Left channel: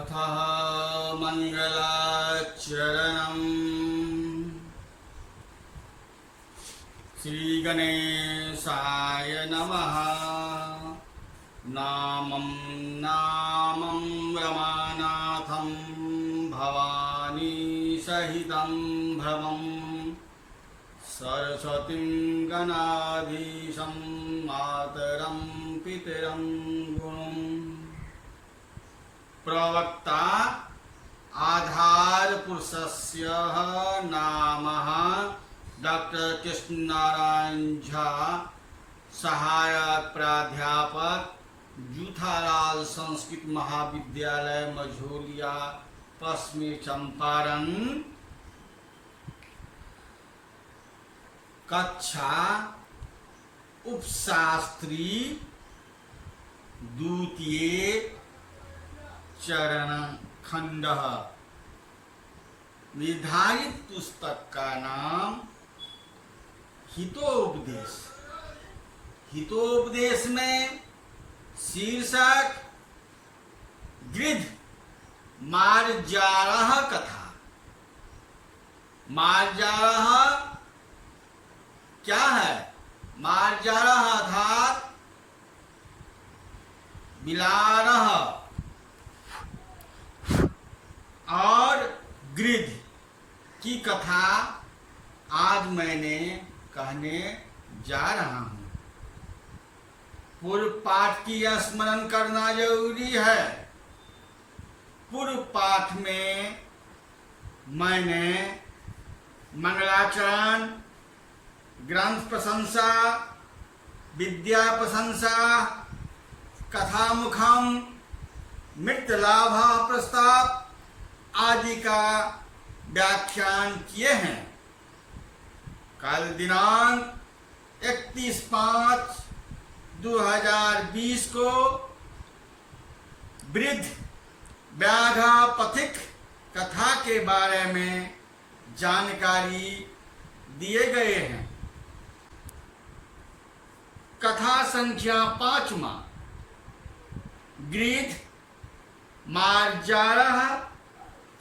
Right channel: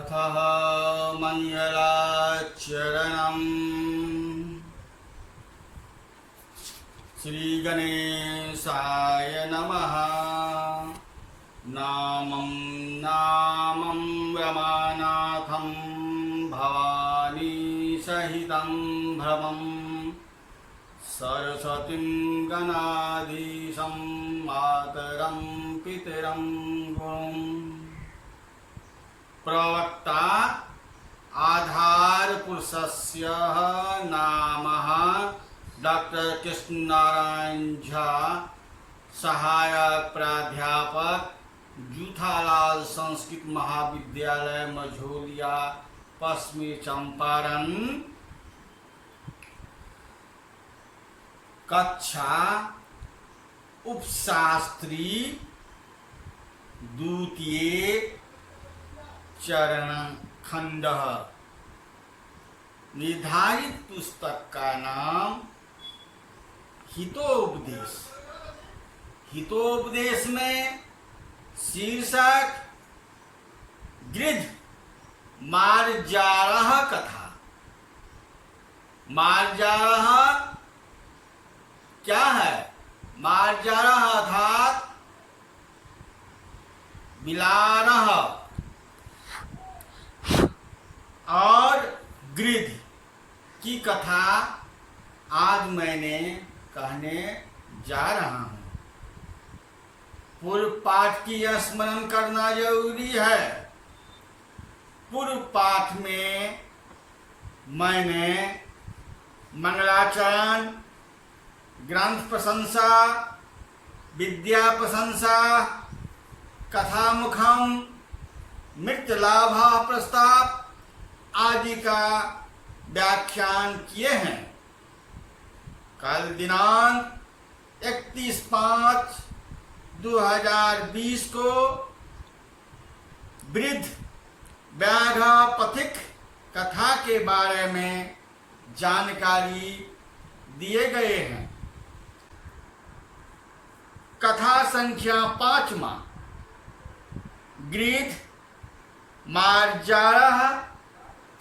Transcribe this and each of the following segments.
अथः मंगलाचरणम्। श्रीगणेशाय नमः। नामं रमानाथं भवानी सहितं भ्रमं सरस्वतीं गणाधीशं मातरं पितरं गुरुम्। प्रवक्ता आधार पुरुषस्य नामः डॉक्टर कृष्ण नारायण झा, सहायक प्राध्यापक, जूठालाल संस्कृत महाविद्यालय मझोलिया, पश्चिमी चंपारण। कक्षा उपशास्त्री द्वितीय चरण खंड। निर्धारित पुस्तक का नाम हितोपदेश। हितोपदेश में शीर्षक गृध्र मार्जारः कथा। मार्जारः क्या है? मार्जारः अर्थात बिलारः और गृध्र की कथा आज मैंने कहने जा रहा हूं। पूर्व पाठ की स्मरण करना जरूरी है। पूर्व पाठ में मैंने मंगलाचरण, ग्रंथ प्रशंसा, विद्या प्रशंसा, कथामुखम, मृत लाभ प्रस्ताव आदि का व्याख्यान किए हैं। कल दिनांक 31/5/2020 को वृद्ध व्याघ पथिक कथा के बारे में जानकारी दिए गए हैं। कथा संख्या 5वां गृध्र मार्जारः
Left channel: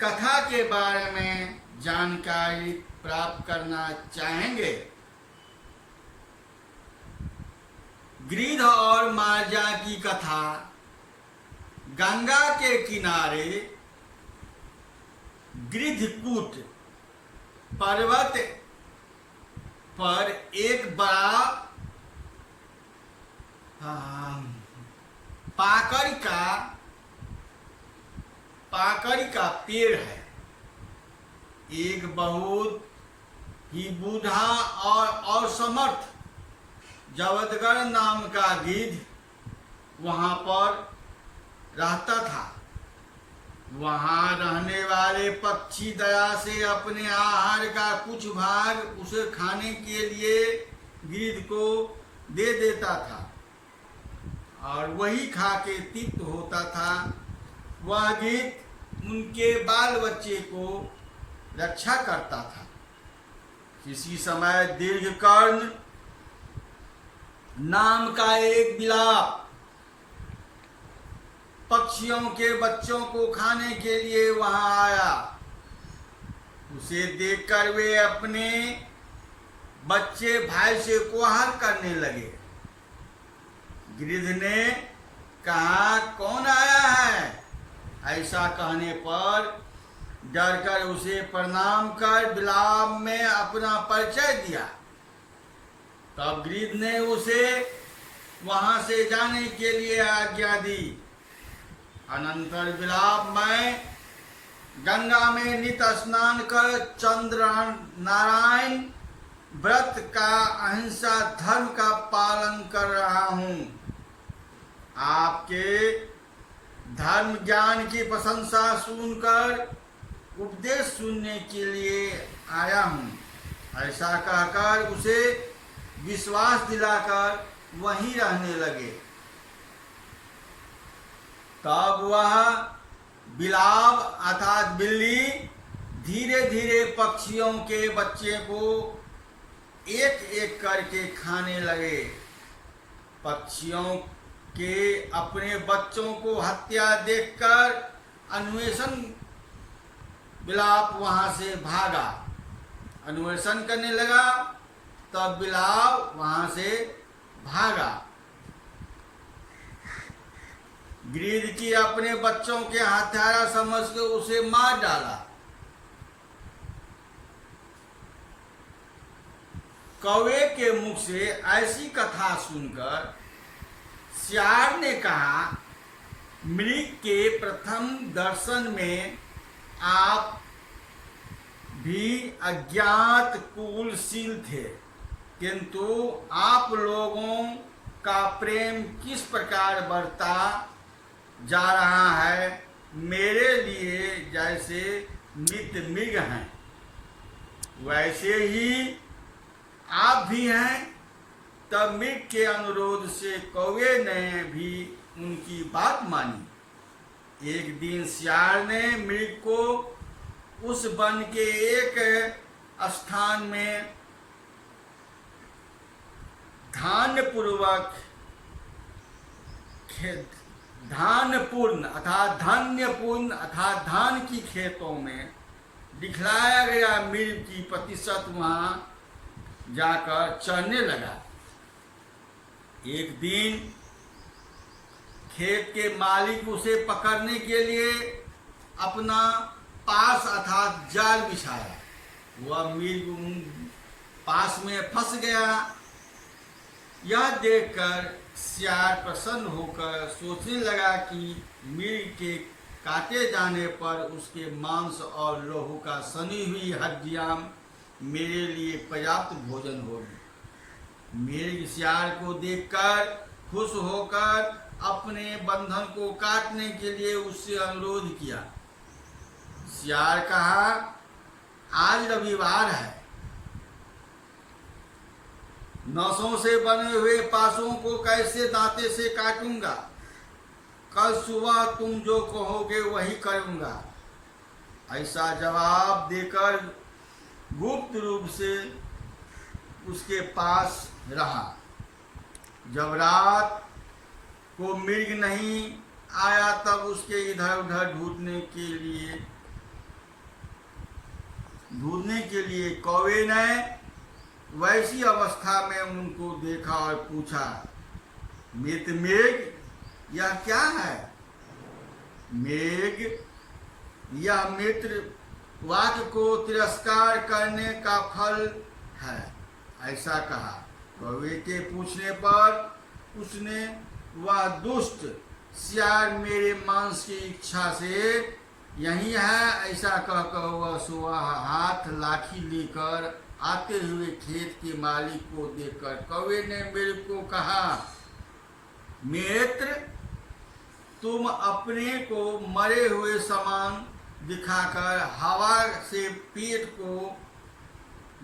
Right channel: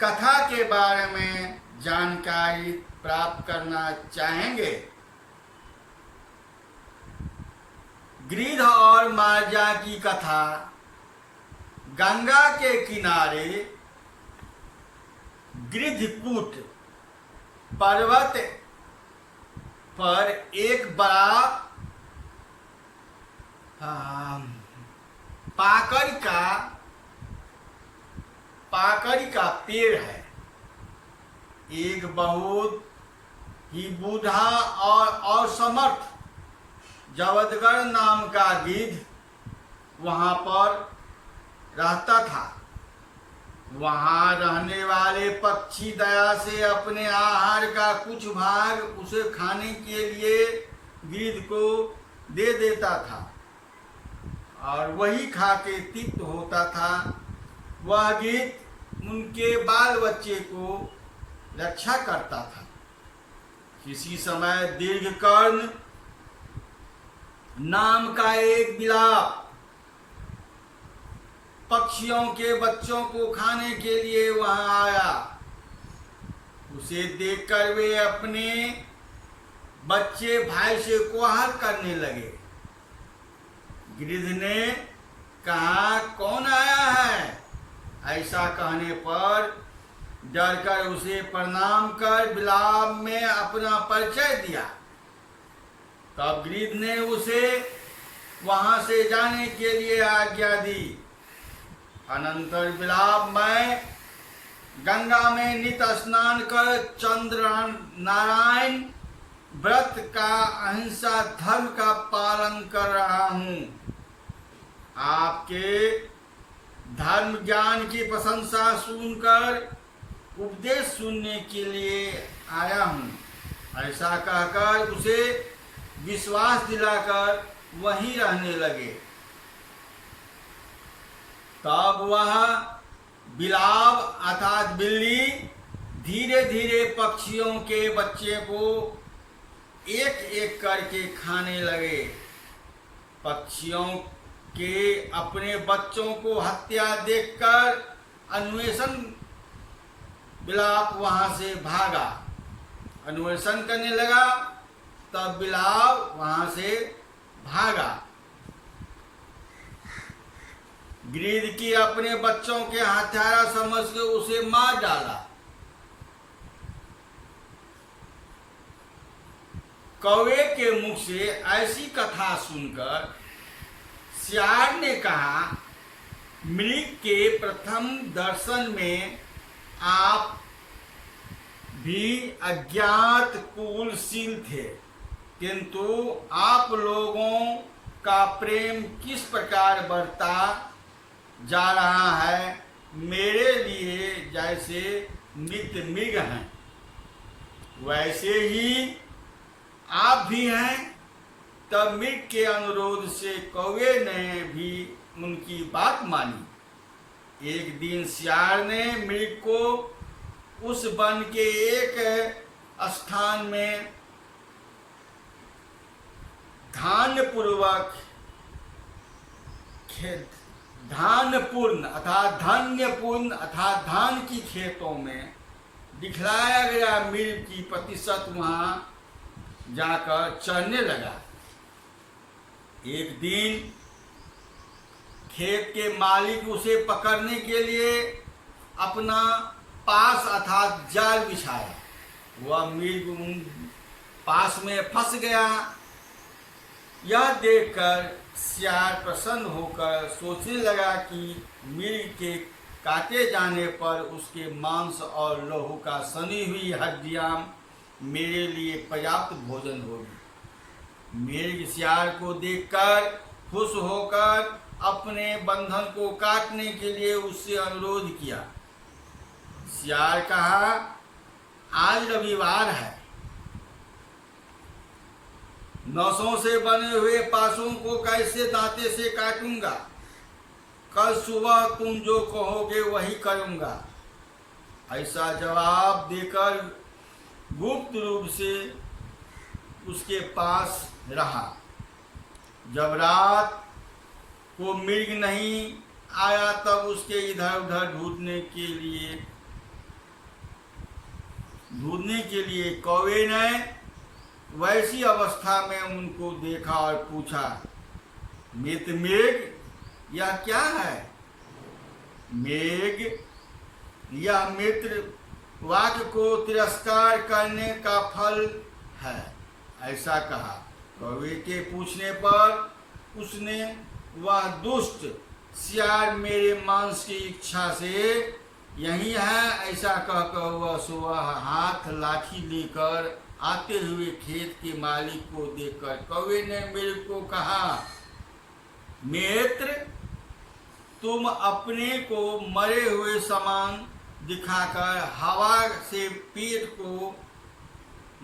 कथा के बारे में जानकारी प्राप्त करना चाहेंगे। गृध्र और मार्जा की कथा गंगा के किनारे गृध्रकूट पर्वत पर एक बड़ा पाकड़ी का पेड़ है। एक बहुत ही बूढ़ा और समर्थ जवदगर नाम का गिद्ध वहां पर रहता था। वहां रहने वाले पक्षी दया से अपने आहार का कुछ भाग उसे खाने के लिए गिद्ध को दे देता था और वही खा के तृप्त होता था। वह गिद्ध उनके बाल बच्चे को रक्षा करता था। किसी समय दीर्घकर्ण नाम का एक बिलाव पक्षियों के बच्चों को खाने के लिए वहां आया। उसे देखकर वे अपने बच्चे भाई से कोहार करने लगे। गिद्ध ने कहा, कौन आया है? ऐसा कहने पर डरकर उसे प्रणाम कर बिलाव में अपना परिचय दिया। तब गिद्ध ने उसे वहां से जाने के लिए आज्ञा दी। अनंतर बिलाव में गंगा में नित्य स्नान कर चंद्र नारायण व्रत का अहिंसा धर्म का पालन कर रहा हूं। आपके धर्म ज्ञान की प्रशंसा सुनकर उपदेश सुनने के लिए आया हूं। ऐसा कहकर उसे विश्वास दिलाकर वहीं रहने लगे। तब वह बिलाव अर्थात बिल्ली धीरे धीरे पक्षियों के बच्चे को एक एक करके खाने लगे। पक्षियों के अपने बच्चों को हत्या देखकर अन्वेषण बिलाप वहां से भागा, अन्वेषण करने लगा, तब बिलाप वहां से भागा। गिरिध की अपने बच्चों के हत्यारा समझ के उसे मार डाला। कौवे के मुख से ऐसी कथा सुनकर सियार ने कहा, मृग के प्रथम दर्शन में आप भी अज्ञात कुलशील थे, किंतु आप लोगों का प्रेम किस प्रकार बढ़ता जा रहा है, मेरे लिए जैसे मित्र मृग हैं वैसे ही आप भी हैं। तब मृग के अनुरोध से कौवे ने भी उनकी बात मानी। एक दिन सियार ने मृग को उस वन के एक स्थान में धन्यपूर्ण अर्थात धान की खेतों में दिखलाया गया मृग की प्रतिशत वहां जाकर चढ़ने लगा। एक दिन खेत के मालिक उसे पकड़ने के लिए अपना पास अर्थात जाल बिछाया। वह मृग पास में फंस गया। यह देखकर सियार प्रसन्न होकर सोचने लगा कि मृग के काटे जाने पर उसके मांस और लहू का सनी हुई हड्डियां मेरे लिए पर्याप्त भोजन होगी। मृग सियार को देखकर खुश होकर अपने बंधन को काटने के लिए उससे अनुरोध किया। सियार कहा, आज रविवार है, नसों से बने हुए पासों को कैसे दांते से काटूंगा। कल सुबह तुम जो कहोगे वही करूंगा। ऐसा जवाब देकर गुप्त रूप से उसके पास रहा। जब रात को मृग नहीं आया तब उसके इधर उधर ढूंढने के लिए कौवे ने वैसी अवस्था में उनको देखा और पूछा, मित्र मृग, यह क्या है? मृग, यह मित्र वाक्य को तिरस्कार करने का फल है, ऐसा कहा। कौवे के पूछने पर उसने, वह दुष्ट सियार मेरे मांस की इच्छा से यही है, ऐसा कहकर वह सुबह हाथ लाठी लेकर आते हुए खेत के मालिक को देखकर कौवे ने मेरे को कहा, मित्र, तुम अपने को मरे हुए समान दिखाकर हवा से पेट को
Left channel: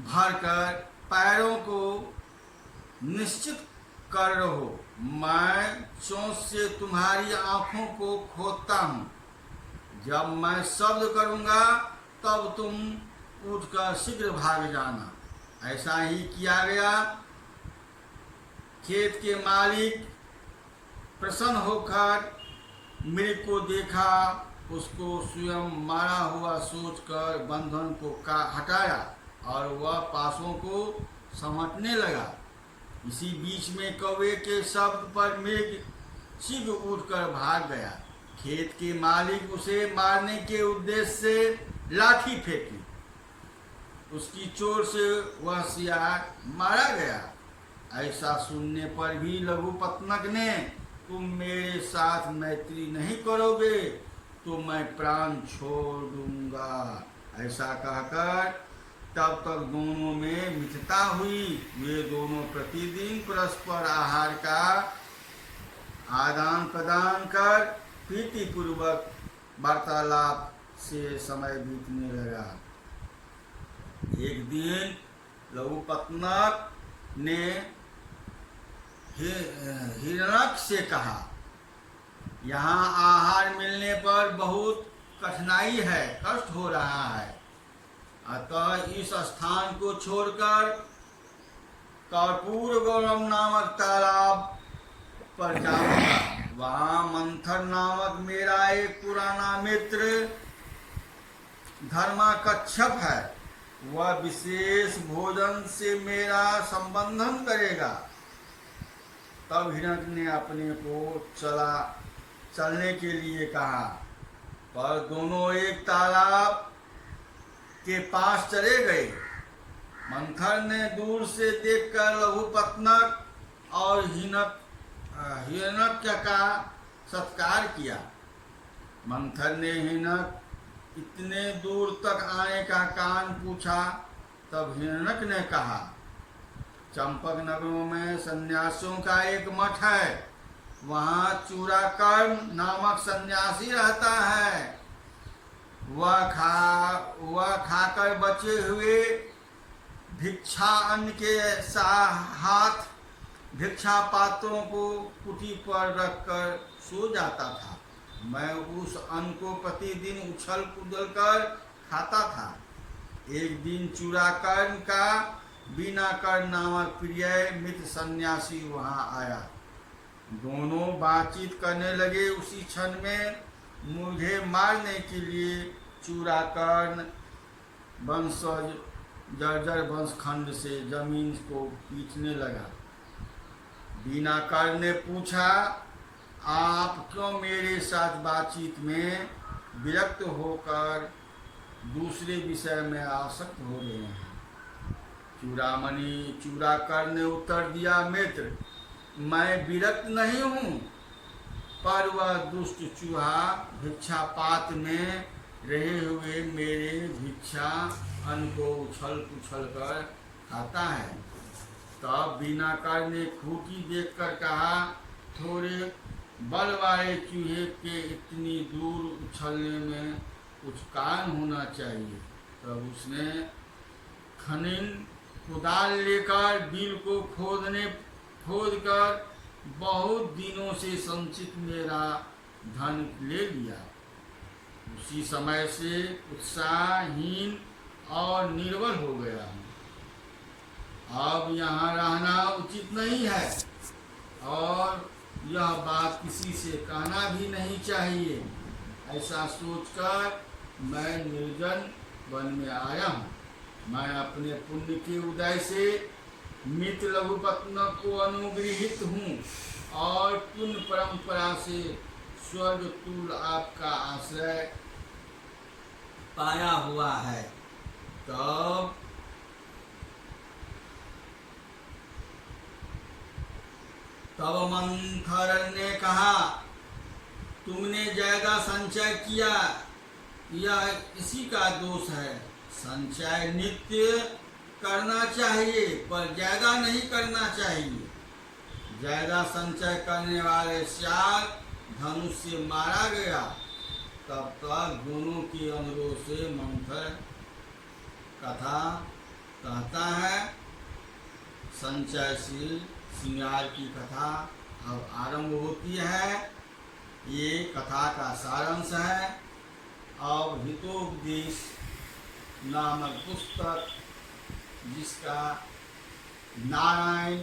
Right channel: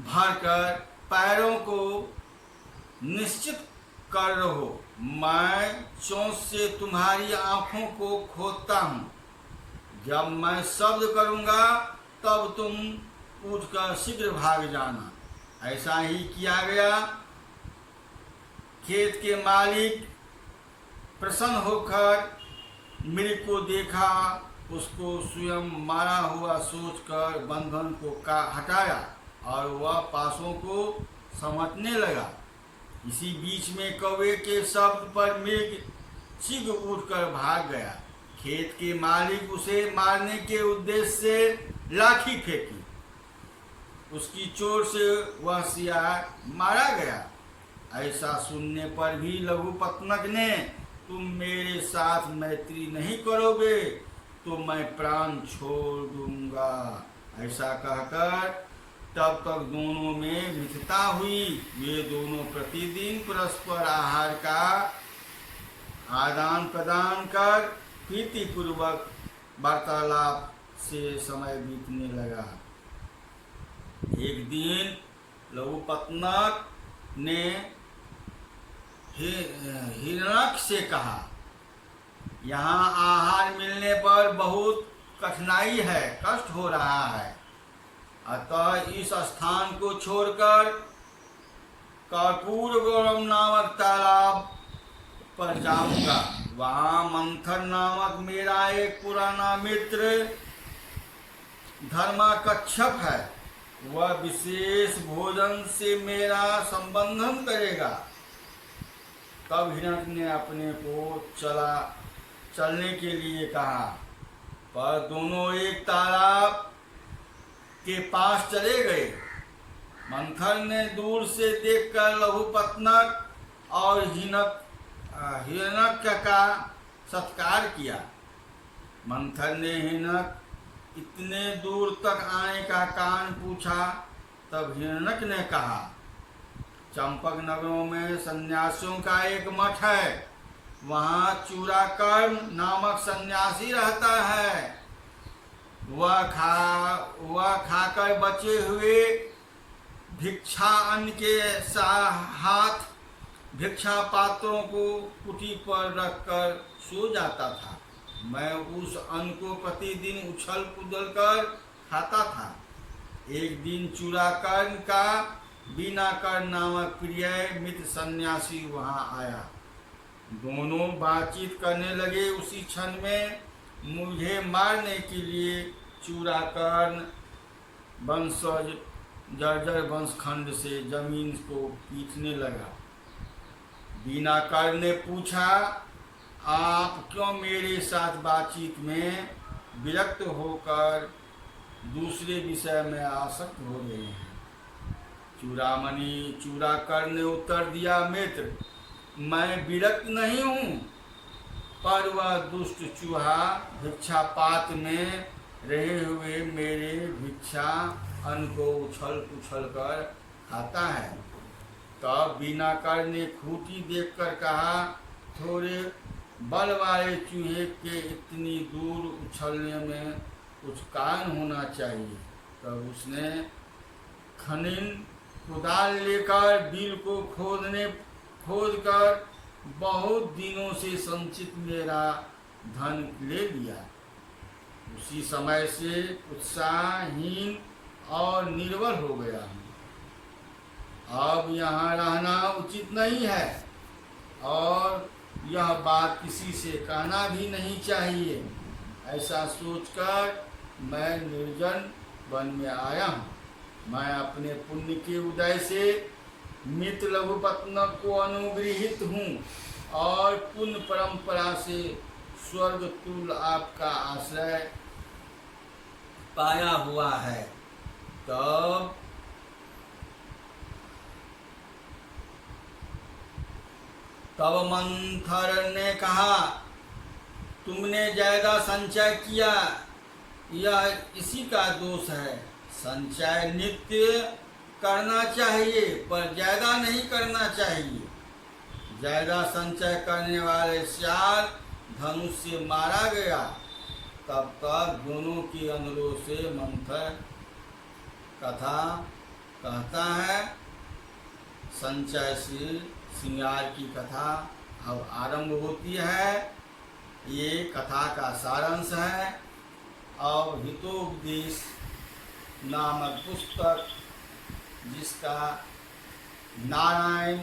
भरकर पैरों को निश्चित कर रहो। मैं चोंच से तुम्हारी आंखों को खोदता हूँ। जब मैं शब्द करूँगा तब तुम उठकर शीघ्र भाग जाना। ऐसा ही किया गया। खेत के मालिक प्रसन्न होकर मृग को देखा, उसको स्वयं मारा हुआ सोचकर बंधन को हटाया और वह पासों को समेटने लगा। इसी बीच में कौवे के शब्द पर मृग शीघ्र उठकर भाग गया। खेत के मालिक उसे मारने के उद्देश्य से लाठी फेंकी। उसकी चोट से वह सियार मारा गया। ऐसा सुनने पर भी लघुपत्नक ने, तुम मेरे साथ मैत्री नहीं करोगे तो मैं प्राण छोड़ दूंगा, ऐसा कहकर तब तक दोनों में मित्रता हुई। वे दोनों प्रतिदिन परस्पर आहार का आदान प्रदान कर प्रीतिपूर्वक वार्तालाप से समय बीतने लगा। एक दिन लघुपत्नक ने हिरण्यक से कहा, यहाँ आहार मिलने पर बहुत कठिनाई है, कष्ट हो रहा है, अतः इस स्थान को छोड़कर कर्पूर गौरव नामक तालाब पर जाऊंगा। वहां मंथर नामक मेरा एक पुराना मित्र धर्माकच्छप है, वह विशेष भोजन से मेरा संबंधन करेगा। तब हिरण्य ने अपने को चलने के लिए कहा, पर दोनों एक तालाब के पास चले गए। मंथर ने दूर से देखकर लघुपत्नक और हिरण्यक का सत्कार किया। मंथर ने हिरण्यक इतने दूर तक आने का कारण पूछा। तब हिरण्यक ने कहा, चंपक नगरों में सन्यासियों का एक मठ है, वहाँ चूराकर्म नामक सन्यासी रहता है। वह खाकर बचे हुए भिक्षा अन्न के हाथ भिक्षा पात्रों को कुटी पर रखकर सो जाता था। मैं उस अन्न को प्रतिदिन उछल कूदल कर खाता था। एक दिन चूराकर्म का बीनाकर नामक प्रिय मित्र सन्यासी वहाँ आया। दोनों बातचीत करने लगे। उसी क्षण में मुझे मारने के लिए चूराकर्ण वंशज जर्जर वंशखंड से जमीन को पीटने लगा। बीनाकर ने पूछा, आप क्यों मेरे साथ बातचीत में विरक्त होकर दूसरे विषय में आसक्त हो रहे हैं? चूराकर ने उत्तर दिया, मित्र, मैं विरक्त नहीं हूँ, पर वह दुष्ट चूहा भिक्षा पात्र में रहे हुए मेरे भिक्षा अन्न को उछल पुछल कर खाता है। तब बीनाकर ने खूंटी देखकर कहा, थोड़े बल वाले चूहे के इतनी दूर उछलने में कुछ कारण होना चाहिए। तब उसने खनिन कुदाल लेकर बिल को खोदकर बहुत दिनों से संचित मेरा धन ले लिया। उसी समय से उत्साहहीन और निर्बल हो गया हूँ। अब यहाँ रहना उचित नहीं है और यह बात किसी से कहना भी नहीं चाहिए। ऐसा सोचकर मैं निर्जन वन में आया हूँ। मैं अपने पुण्य के उदय से मित्र लघुपत्नक को अनुगृहित हूँ और पुण्य परंपरा से स्वर्ग तुल आपका आश्रय पाया हुआ है। तब मंथर ने कहा, तुमने ज्यादा संचय किया, यह इसी का दोष है। संचय नित्य करना चाहिए पर ज्यादा नहीं करना चाहिए। ज्यादा संचय करने वाले श्याल धनुष से मारा गया। तब तक दोनों के अनुरोध से मंथर कथा कहता है। संचय से श्रृंगार की कथा अब आरंभ होती है। ये कथा का सारांश है। अब हितोपदेश नामक पुस्तक, जिसका नारायण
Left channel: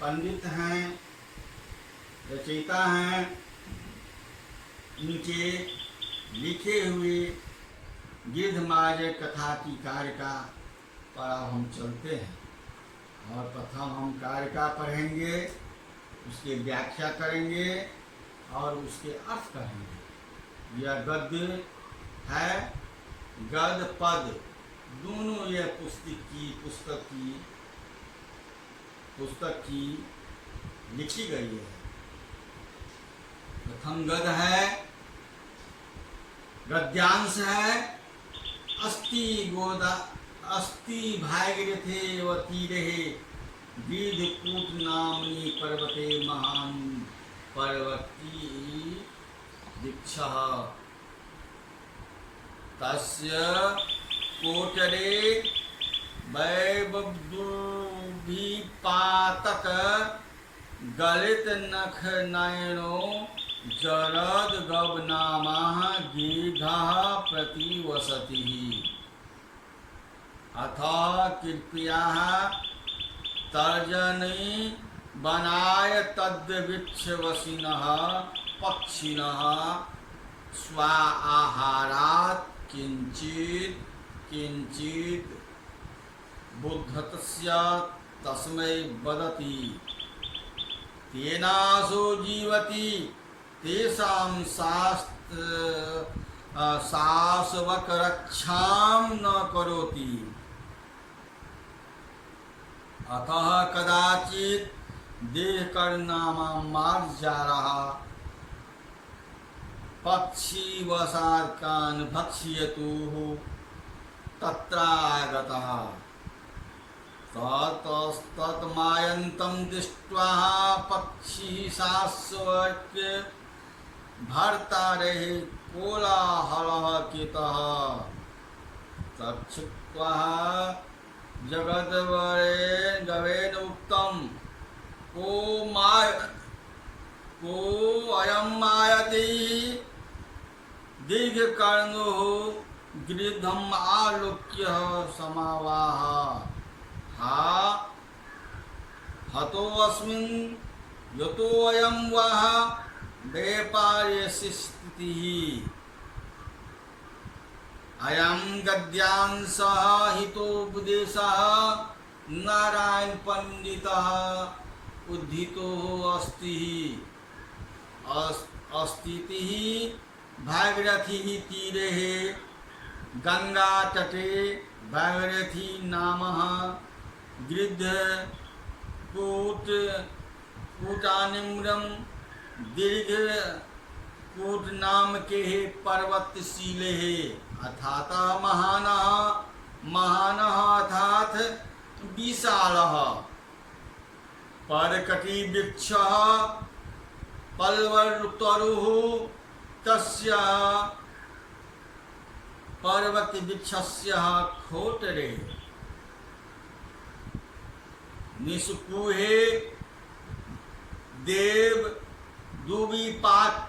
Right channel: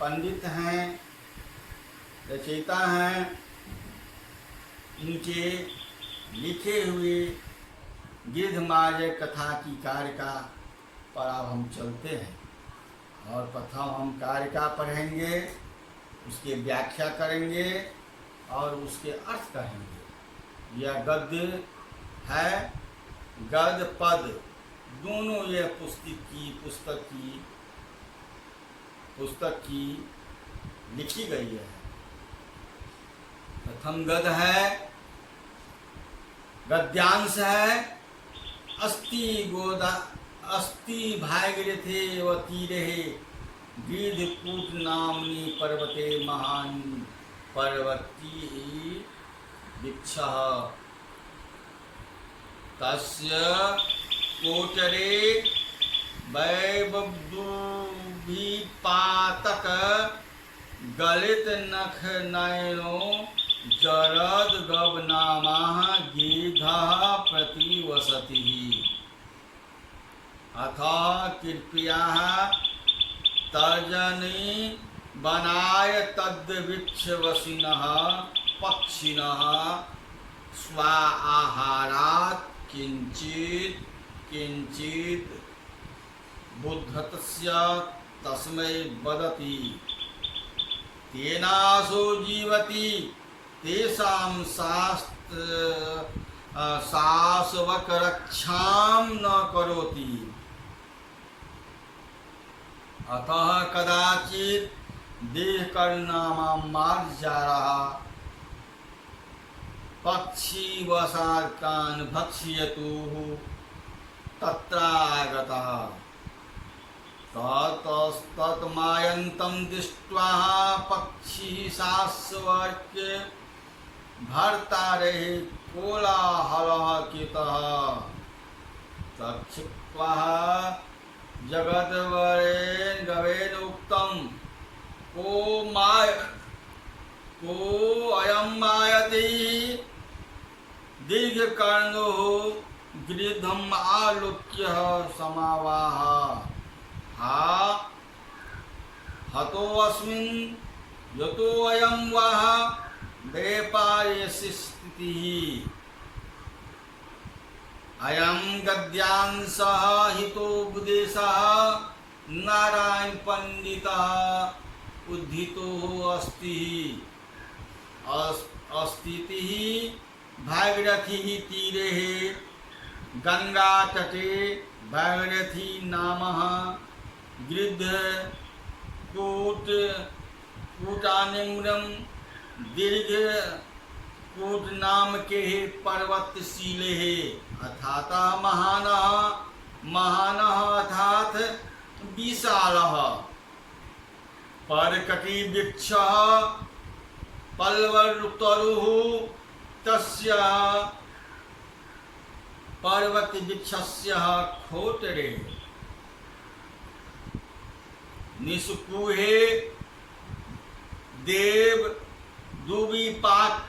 पंडित हैं, रचयिता हैं, इनके लिखे हुए गिद्धमार्जय कथा की कारिका पर अब हम चलते हैं और प्रथम हम कारिका पढ़ेंगे, उसकी व्याख्या करेंगे और उसके अर्थ करेंगे। यह गद्य है, गद्य पद दोनों यह पुस्तक की लिखी गई है। प्रथम गद्य है, गद्यांश है। अस्ति भागीरथे व तीरे गिद्धकूट नामनी पर्वते महान पर्वती वृक्षः तस्य कोटरे वैबुभिपातक गलित नख नयनो जरद गबनामाः गिद्धः प्रतिवसति। अथ कृपया तर्जनी बनाय तद्वृक्षवसिनः पक्षिणः स्वा आहारात् किंचित किंचित बुद्धतस्य तस्मै वदति तेनासो जीवति तेषां शासवकरक्षां न करोति अतः कदाचित् देहकर्णामां मार्जारः पक्षी वसार्कान् भक्ष्यतुः तत्रागतः ततस्तत्मायन्तं दृष्ट्वा पक्षी शास्वर्के भर्तारेः कोलाहलः कृतः तच्छ्रुत्वा जगद्वरेण गवेन उक्तं को अयं मायति दीर्घकर्णो गृध्रम् आलोक्य समावाह हा हतोऽस्मिन् यतोऽयं वाह व्यापारेषु स्थितिः अयं गद्यांशः हितोपदेशः नारायण पंडितः उद्धितो अस्तिः भागीरथी तीरे गंगा तटे भागीरथी नामः गृध्र कूटानिम्रम दीर्घ कूट नाम के पर्वतशीले अर्थात महानः अर्थात विशालः परकटिवृक्षः पल्लवतरुः तस्य पर्वतवृक्षस्य खोटरे निष्कुहे देव दुविपाकात्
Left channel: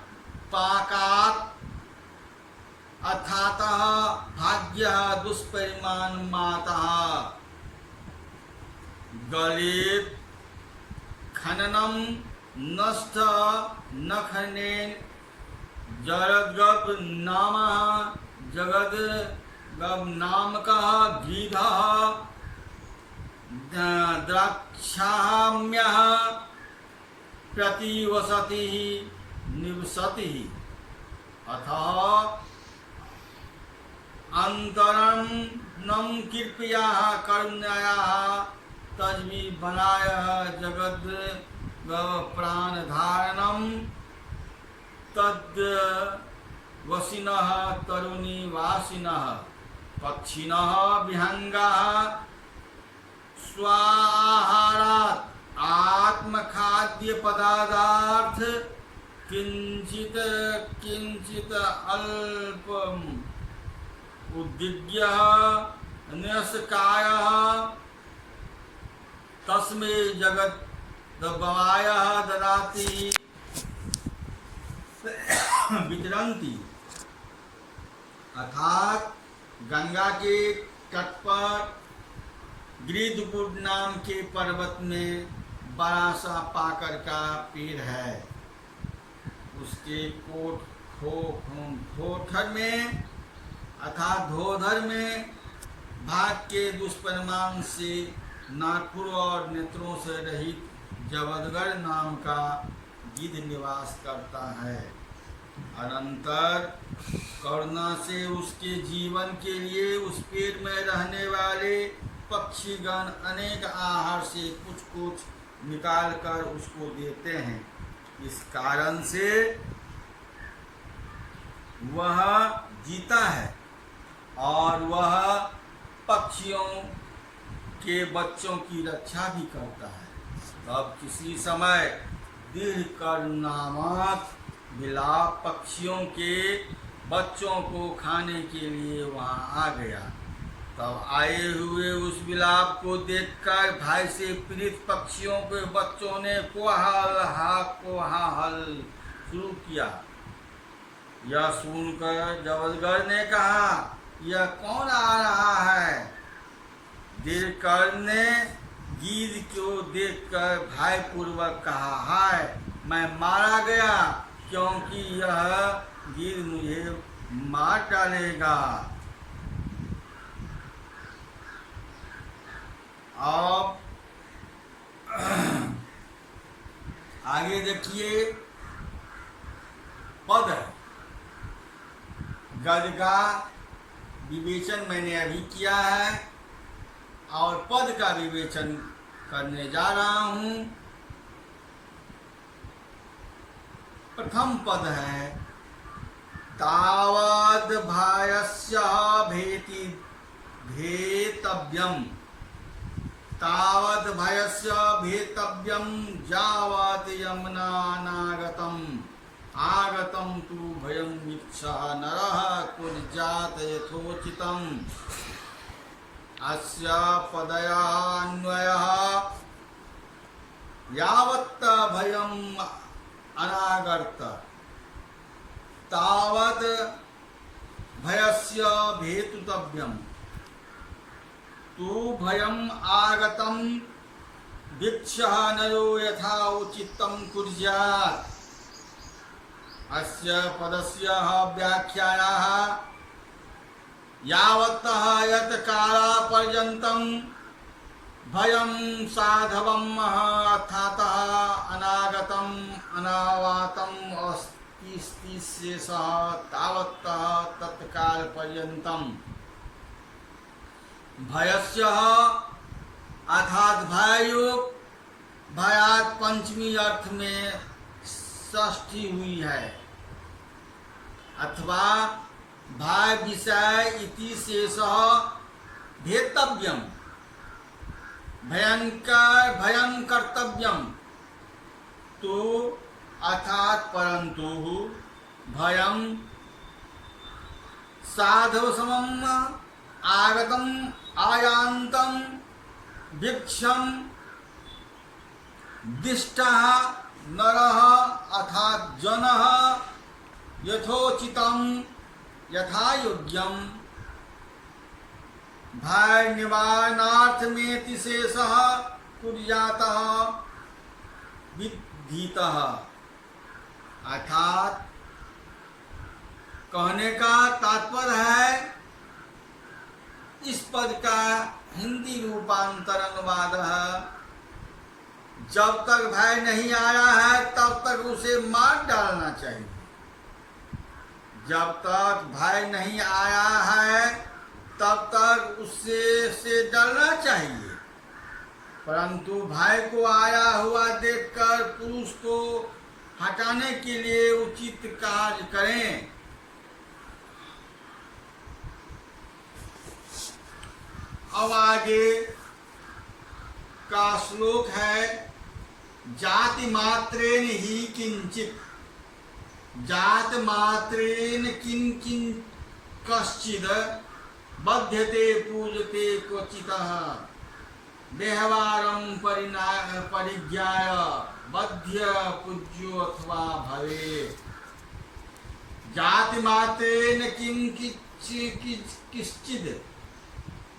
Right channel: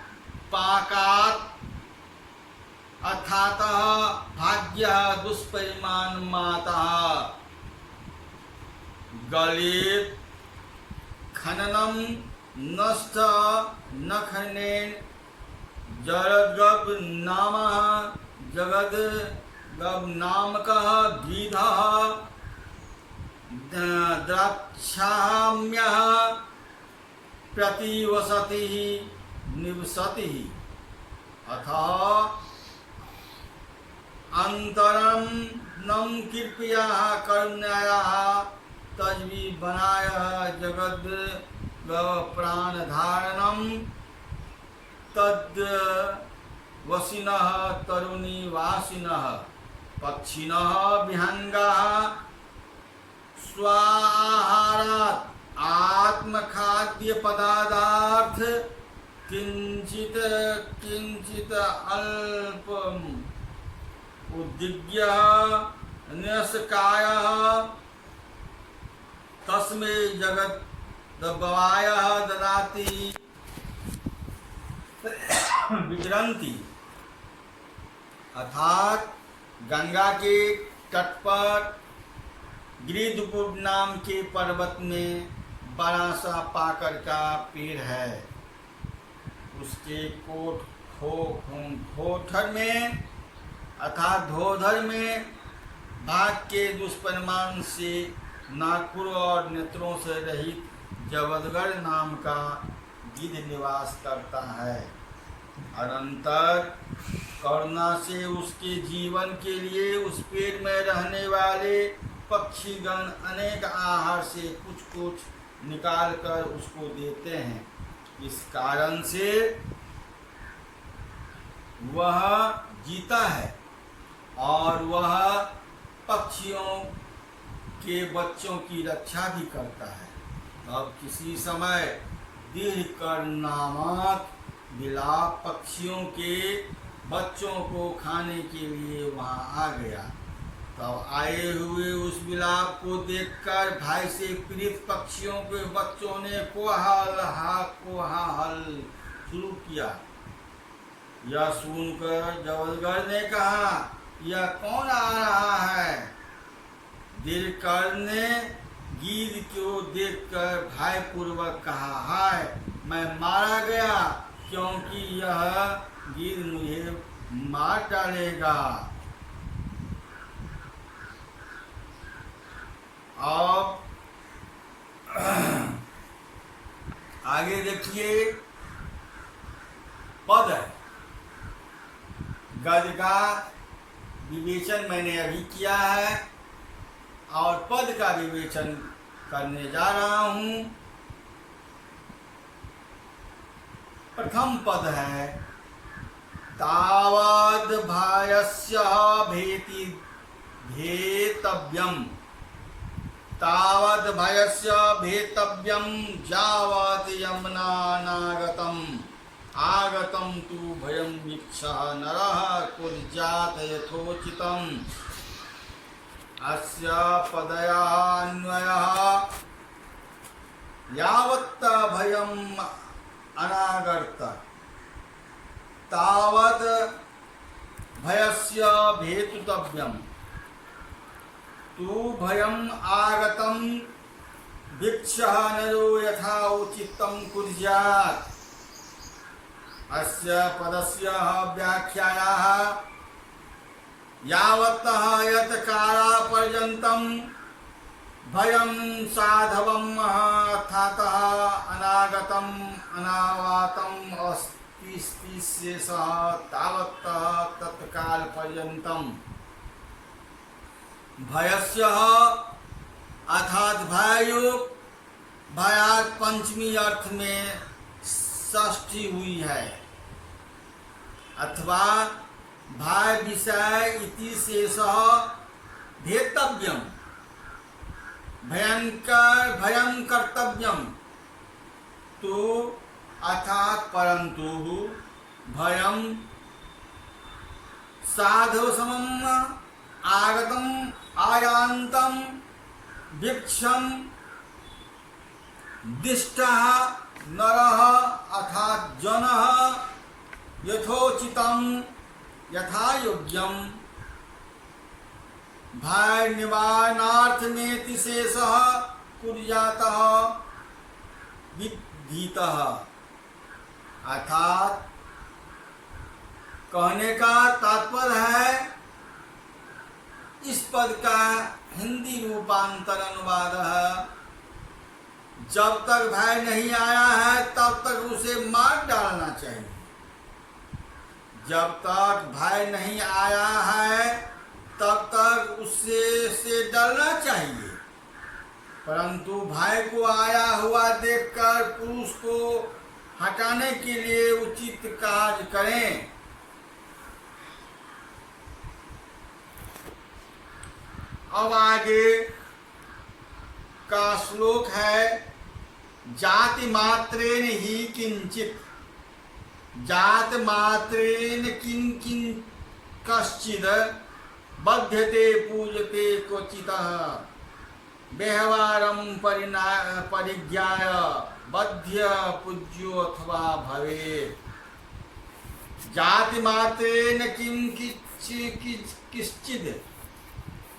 अर्थात भाग्य दुष्परिमाण माता गलित खननम नष्ट नखनेन जगद्गव नामः जगद्गव नामकः गीधः द्राक्षाम्यः प्रतिवसति निवसति अतः अंतरं कृपया करुणाया तज्वी बनाय जगद प्राण धारणम तद वसिनः तरुणीवासिनः पक्षिणः विहंगाः स्वाहारात् आत्मखाद्य पदार्थ किंचित किंचित अल्पम उद्दिग्य न्यसकाय तस्मै जगत दबाय ददाति विचरन्ति अर्थात गंगा के तट पर गिरिधपुर नाम के पर्वत में बड़ा सा पाकर का पेड़ है। उसके खोठर में अर्थात धोधर में भाग के दुष्परिमाण से नागपुर और नेत्रों से रहित जबदगढ़ नाम का गिद्ध निवास करता है। अनंतर करुणा से उसके जीवन के लिए उस पेड़ में रहने वाले पक्षीगण अनेक आहार से कुछ कुछ निकाल कर उसको देते हैं। इस कारण से वह जीता है और वह पक्षियों के बच्चों की रक्षा भी करता है। तब किसी समय दीर्घकर्णामक बिलाव पक्षियों के बच्चों को खाने के लिए वहाँ आ गया। तब आए हुए उस बिलाप को देखकर भाई से पीड़ित पक्षियों के बच्चों ने कोलाहल शुरू किया। यह सुनकर जबदगढ़ ने कहा, यह कौन आ रहा है? दीर्घकर्ण ने गीध को देखकर भय पूर्वक कहा, हाय मैं मारा गया, क्योंकि यह गीध मुझे मार डालेगा। अब आगे देखिए, पद है। गद का विवेचन मैंने अभी किया है और पद का विवेचन करने जा रहा हूं। प्रथम पद है, तावद भयस्य भेति भेतव्यम, तावद भयस्य भेतव्यम यावत् यमनानागतम, आगतम तु भयं वीक्षः नरः कुर्यात् यथोचितम्। अस्य पदयान्वयः यावत् भयं अनागत तावत् भयस्य भेतुतव्यम्, तु भयं आगतं वीक्षः नरो यथा उचितं कुर्यात्। अस्य पदस्य व्याख्यायाः यावत्तः यत् कालापर्यन्तं भयं साधवम् अर्थातः अनागतम् अनावातम् अस्ति शेषः तावत्तः तत्कालपर्यन्तं भयस्य अर्थात भययुक्त, भयात पंचमी अर्थ में षष्ठी हुई है, अथवा भय विषय इति शेषः भेतव्यम, भयंकर भयं कर्तव्यम, तो अर्थात परंतु भयं साधव समम आगतम आयांतम वीक्षम दिष्टः नरः अर्थात जनः यथोचितम यथा योग्यम भय निवारणार्थ में शेषः कुर्यातः विधीतः। अर्थात कहने का तात्पर्य है, इस पद का हिंदी रूपांतर अनुवाद है, जब तक भय नहीं आया है तब तक उसे मार डालना चाहिए। जब तक भय नहीं आया है तब तक उससे से डरना चाहिए, परंतु भय को आया हुआ देखकर पुरुष को हटाने के लिए उचित कार्य करें। अब आगे का श्लोक है, जाति मात्रेन ही किंचित, जात मात्रेन किं किं कश्चिद बध्यते पूजते क्वचितः व्यवहारं परिज्ञाय बध्य पूज्यो अथवा भवेत्। जाति मात्रेन किं किश्चिद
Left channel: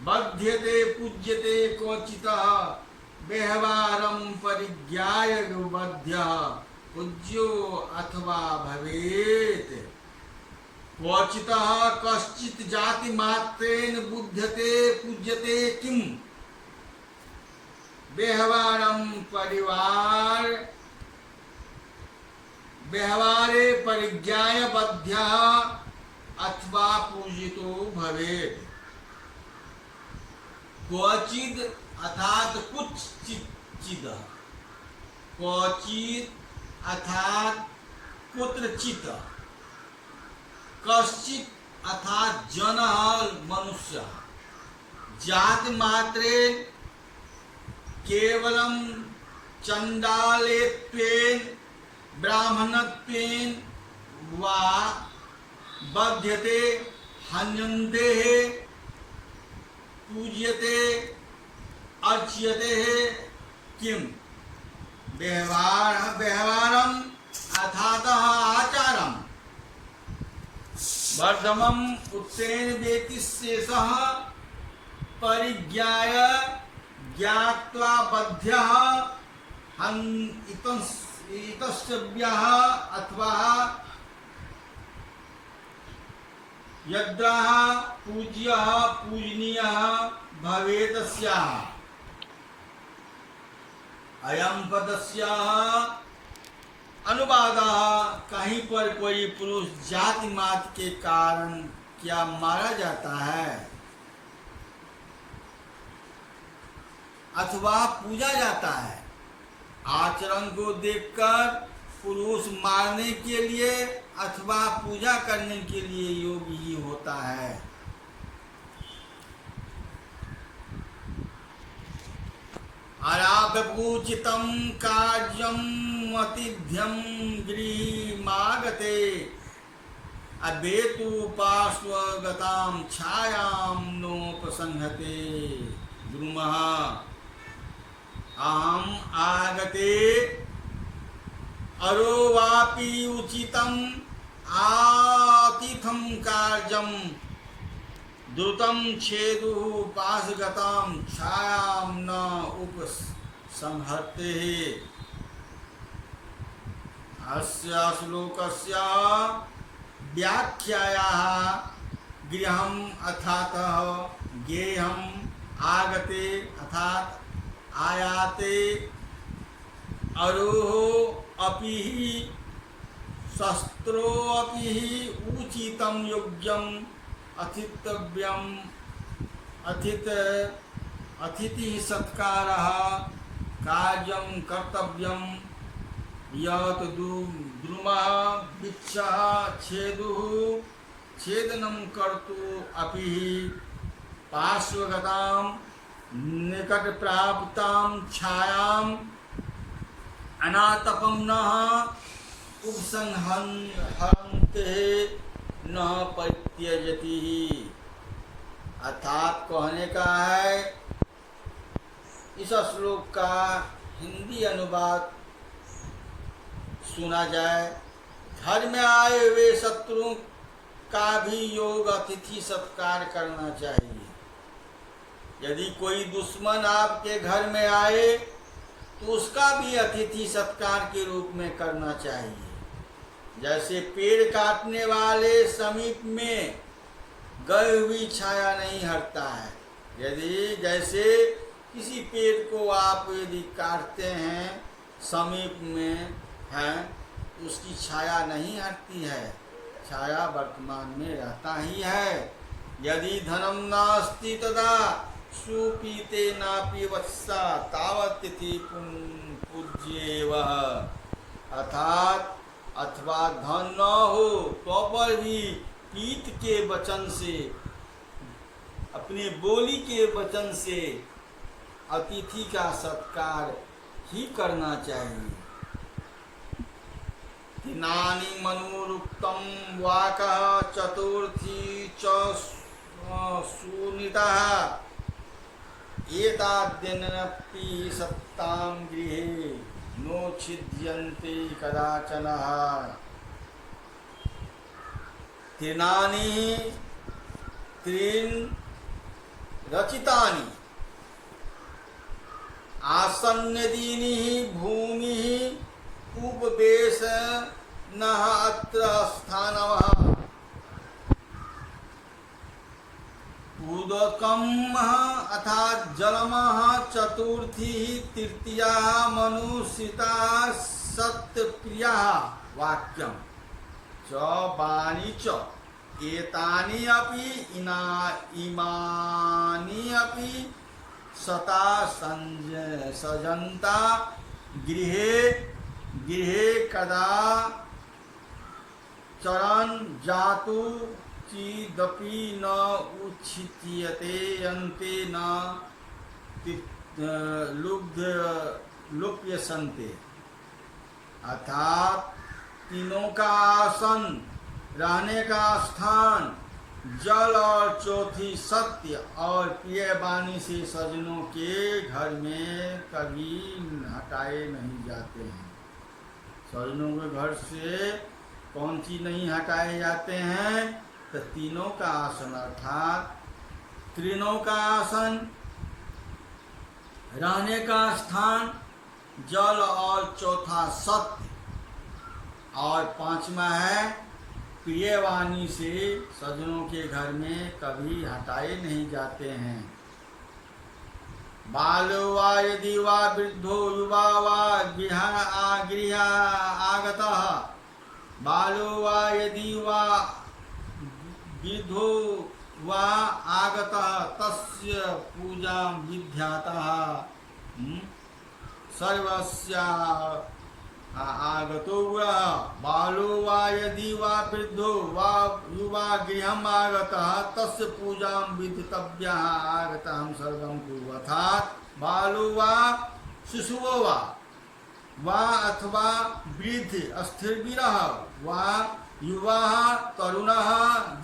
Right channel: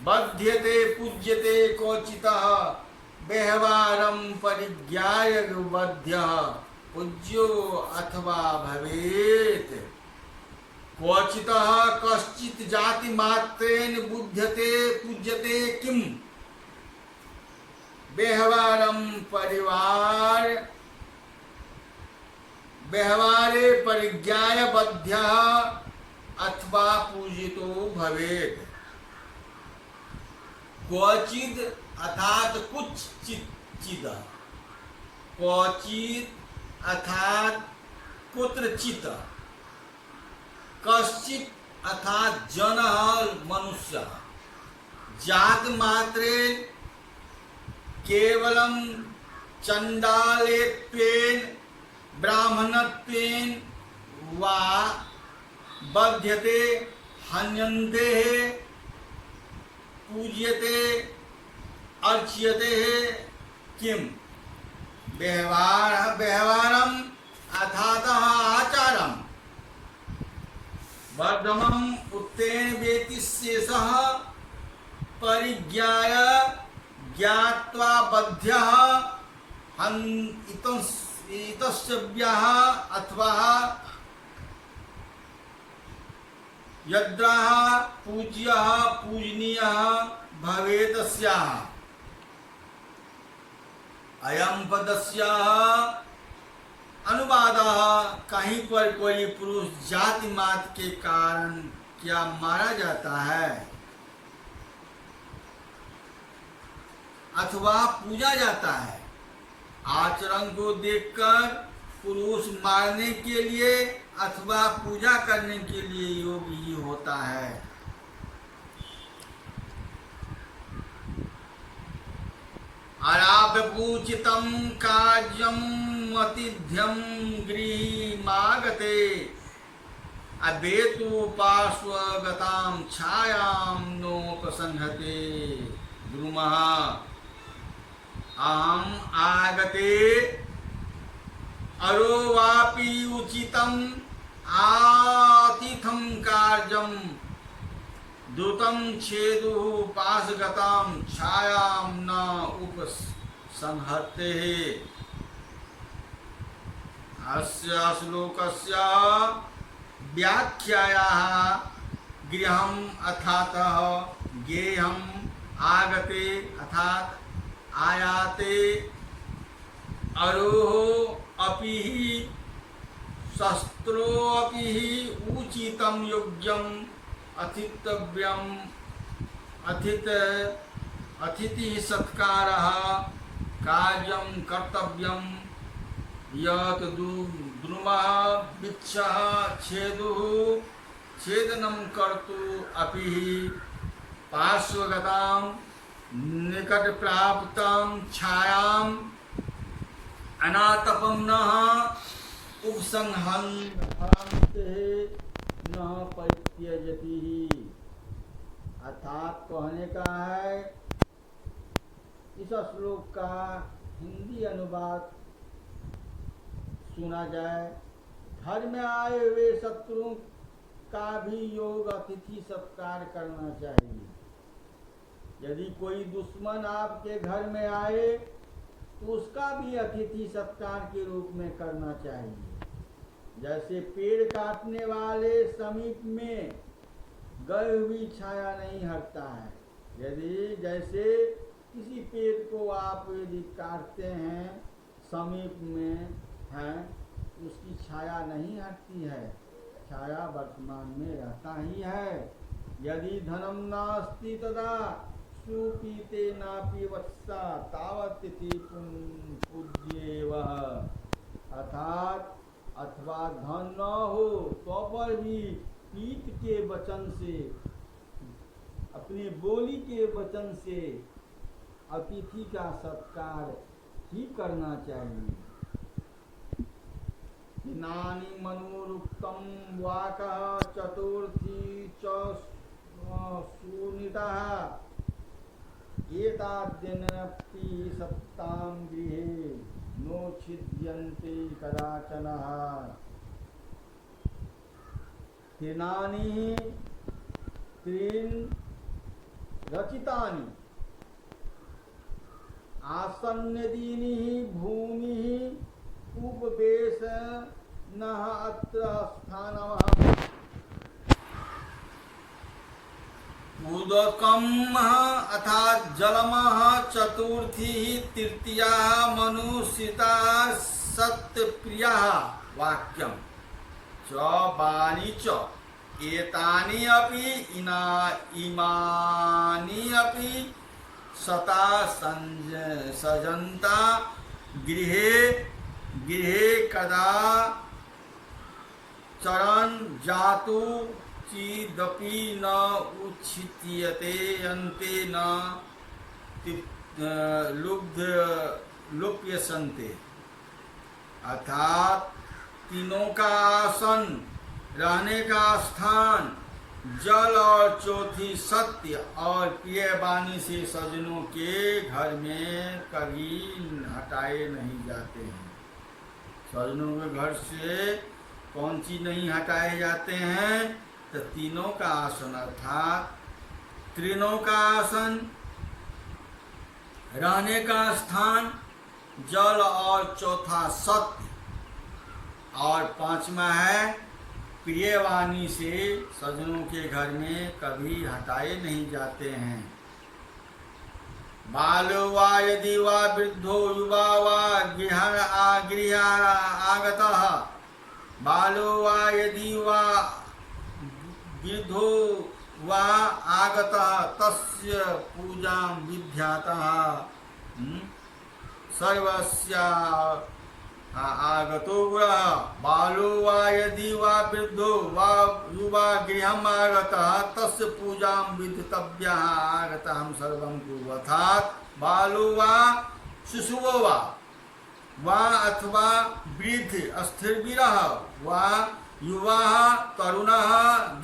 बध्यते पूज्यते क्वचितः व्यवहारं परिज्ञाय बध्यः पूज्यो अथवा भवेत्। क्वचितः कश्चित् जाति मात्रेन बुध्यते पूज्यते किम व्यवहारं व्यवहारे परिज्ञाय बध्यः अथवा पूजितो भवेत्। क्वचिद अर्थात कुछ चिद, क्वचित अर्थात कुत्रचित, कश्चित अर्थात जनः मनुष्य, जात मात्रेन केवलं चंडालेत्वेन ब्राह्मणत्वेन वा बध्यते हन्यन्ते पूज्यते अर्च्यते किम व्यवहारम अर्थात आचारम वर्धमम उत्तेन वेति शेषः परिज्ञाय ज्ञात्वा बध्यः इतस्तव्यः अथवा यद्राः पूज्यः पूजनीयः भवेदस्याः। अयं पदस्याः अनुवादः, कहीं पर कोई पुरुष जाति मात्र के कारण क्या मारा जाता है अथवा पूजा जाता है। आचरण को देखकर पुरुष मारने के लिए अथवा पूजा करने के लिए योग्य ही होता है। अराव्यपूचितं कार्यम् अतिथ्यं गृहमागते अवेतु पार्श्वगतां छायां नोपसंहते द्रुमः। अहम् आगते अरो वापि उचितम् आतिथं कार्यं द्रुतं छेदुः पाशगतां छायां न उपसंहते। अस्य श्लोकस्य व्याख्यायाः गृहम् अर्थातः गेयम् आगते अर्थात आयाते अरोह अपि शस्त्रो अपि उचितं योग्यम् अतिथव्यम् अतिथि सत्कारः कार्यं कर्तव्यं यत् द्रुमः वृक्षः छेदुः छेदनं कर्तु अपि पार्श्वगतां निकट प्राप्तां छायां अनातपं न उपसंहन्ते न परित्यजति। अर्थात कहने का है, इस श्लोक का हिंदी अनुवाद सुना जाए। घर में आए हुए शत्रु का भी योग अतिथि सत्कार करना चाहिए। यदि कोई दुश्मन आपके घर में आए तो उसका भी अतिथि सत्कार के रूप में करना चाहिए। जैसे पेड़ काटने वाले समीप में गई हुई छाया नहीं हटता है, यदि जैसे किसी पेड़ को आप यदि काटते हैं समीप में हैं उसकी छाया नहीं हटती है, छाया वर्तमान में रहता ही है। यदि धनम नास्ति तदा सुपीते नापि वत्सा तावत् तिथि पूज्येव। अर्थात अथवा धन न हो तो पर भी पीत के वचन से, अपने बोली के वचन से अतिथि का सत्कार ही करना चाहिए। तिनानि मनुरुक्तं वाकः चतुर्थी च सुनीतः एताद्यनपि सत्तां गृहे नोच्छिद्यन्ते कदाचन। तीर्णानि त्रीन् रचितानि आसन्नदीनि भूमिः उपवेशनः अत्र स्थानवः। उदकम् अर्थात जलमः चतुर्थी तृतीया मनुष्यता सत्यप्रिया वाक्यम च वाणी च एतानि अपि इमानि अपि सता सजन्ता गृहे गृहे कदा चरन् जातु चिदपि न उच्छित्यते अन्ते न लुप्यसन्ते। अर्थात तीनों का आसन, रहने का स्थान, जल और चौथी सत्य और प्रिय वाणी से सज्जनों के घर में कभी हटाए नहीं जाते हैं। सज्जनों के घर से कौन सी नहीं हटाए जाते हैं? तो तीनों का आसन अर्थात तीनों का आसन, रहने का स्थान, जल, और चौथा सत्य, और पांचवा है प्रियवाणी से सज्जनों के घर में कभी हटाए नहीं जाते हैं। बालो वा यदि वा वृद्धो युवा वा गृह आगतः, बालो वा यदि वा वृद्धो वा आगतः तस्य पूजां विद्यातः सर्वस्य आगतो गुणः। बालो वा यदि वा वृद्धो वा युवा गृहम् आगतः तस्य पूजां विदितव्यः आगतः सर्वं कुरु। अर्थात बालो वा शिशुओ वा अथवा वृद्ध अस्थिरविरः वा युवा तरुणः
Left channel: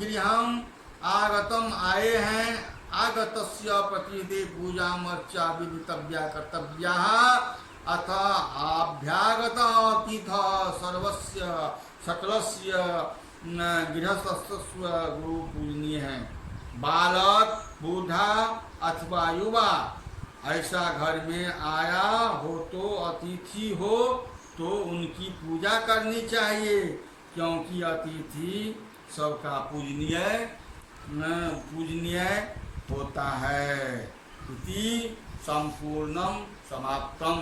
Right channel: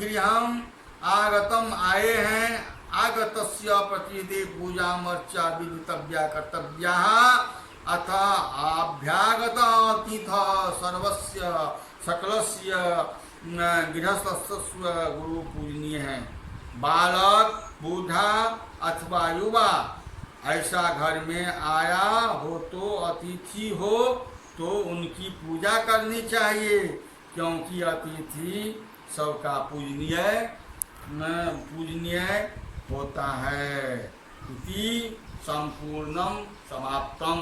गृहम् आगतम आए हैं, आगतस्य प्रतिदे पूजा अर्चा विदितव्या कर्तव्या अथ आभ्यागत अतिथ सर्वस्य सकलस्य गृहस्थस्व गुरु पूजनीय है। बालक, बूढ़ा अथवा युवा ऐसा घर में आया हो तो अतिथि हो तो उनकी पूजा करनी चाहिए, क्योंकि अतिथि सबका पूजनीय होता है। इति संपूर्णम समाप्तम।